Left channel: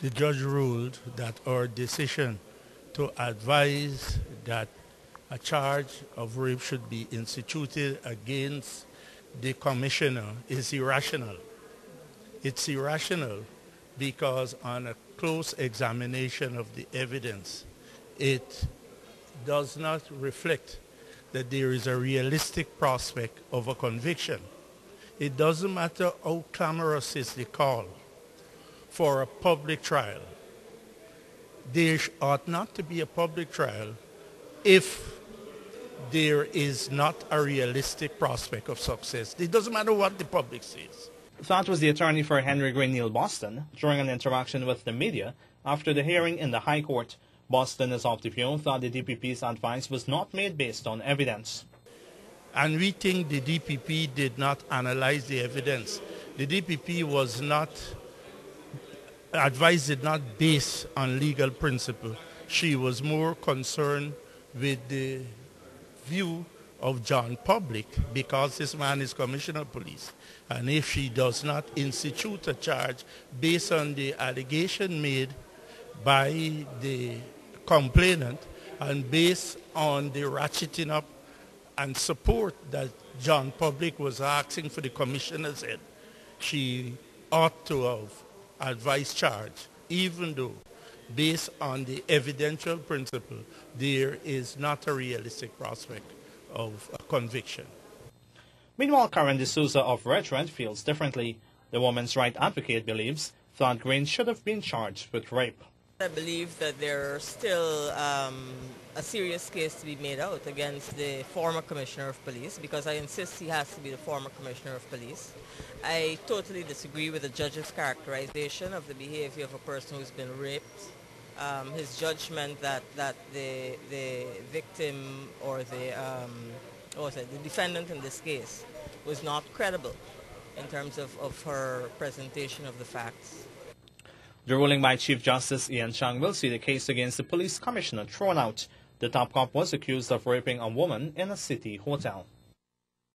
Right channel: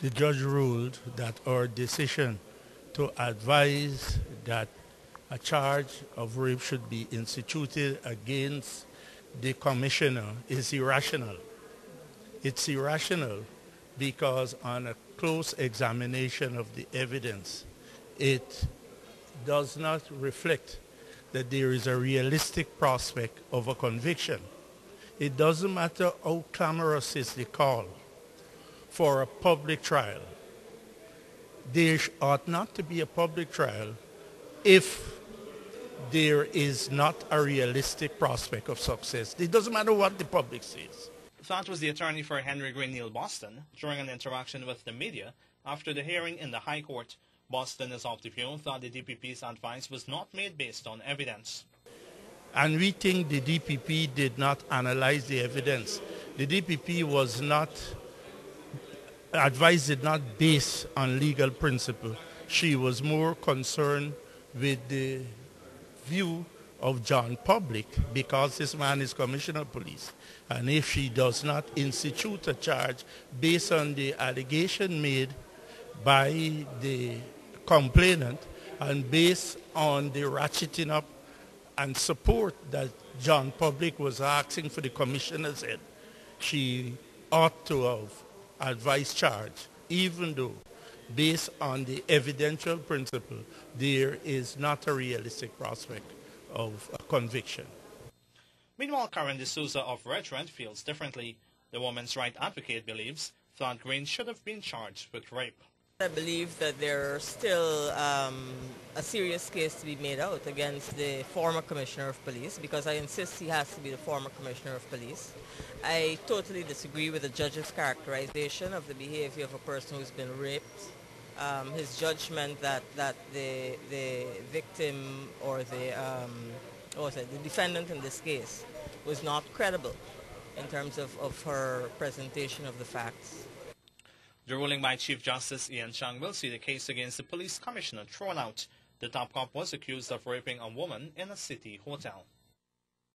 The judge ruled that our decision to advise that a charge of rape should be instituted against the commissioner is irrational. It's irrational because on a close examination of the evidence, it does not reflect that there is a realistic prospect of a conviction. It doesn't matter how clamorous is the call for a public trial. There ought not to be a public trial if there is not a realistic prospect of success. It doesn't matter what the public says. That was the attorney for Henry Greene, Neil Boston, during an interaction with the media after the hearing in the High Court. Boston is of the view that the DPP's advice was not made based on evidence. And we think the DPP did not analyze the evidence. The DPP was not, advice did not base on legal principle. She was more concerned with the view of John Public because this man is Commissioner of Police. And if she does not institute a charge based on the allegation made by the complainant and based on the ratcheting up and support that John Public was asking for the commissioner's head, she ought to have advised charge, even though based on the evidential principle, there is not a realistic prospect of a conviction. Meanwhile, Karen D'Souza of Redred feels differently. The woman's right advocate believes that Greene should have been charged with rape. I believe that there's still a serious case to be made out against the former Commissioner of Police, because I insist he has to be the former Commissioner of Police. I totally disagree with the judge's characterization of the behavior of a person who's been raped. His judgment that the victim or the defendant in this case was not credible in terms of her presentation of the facts. The ruling by Chief Justice Ian Chang will see the case against the police commissioner thrown out. The top cop was accused of raping a woman in a city hotel.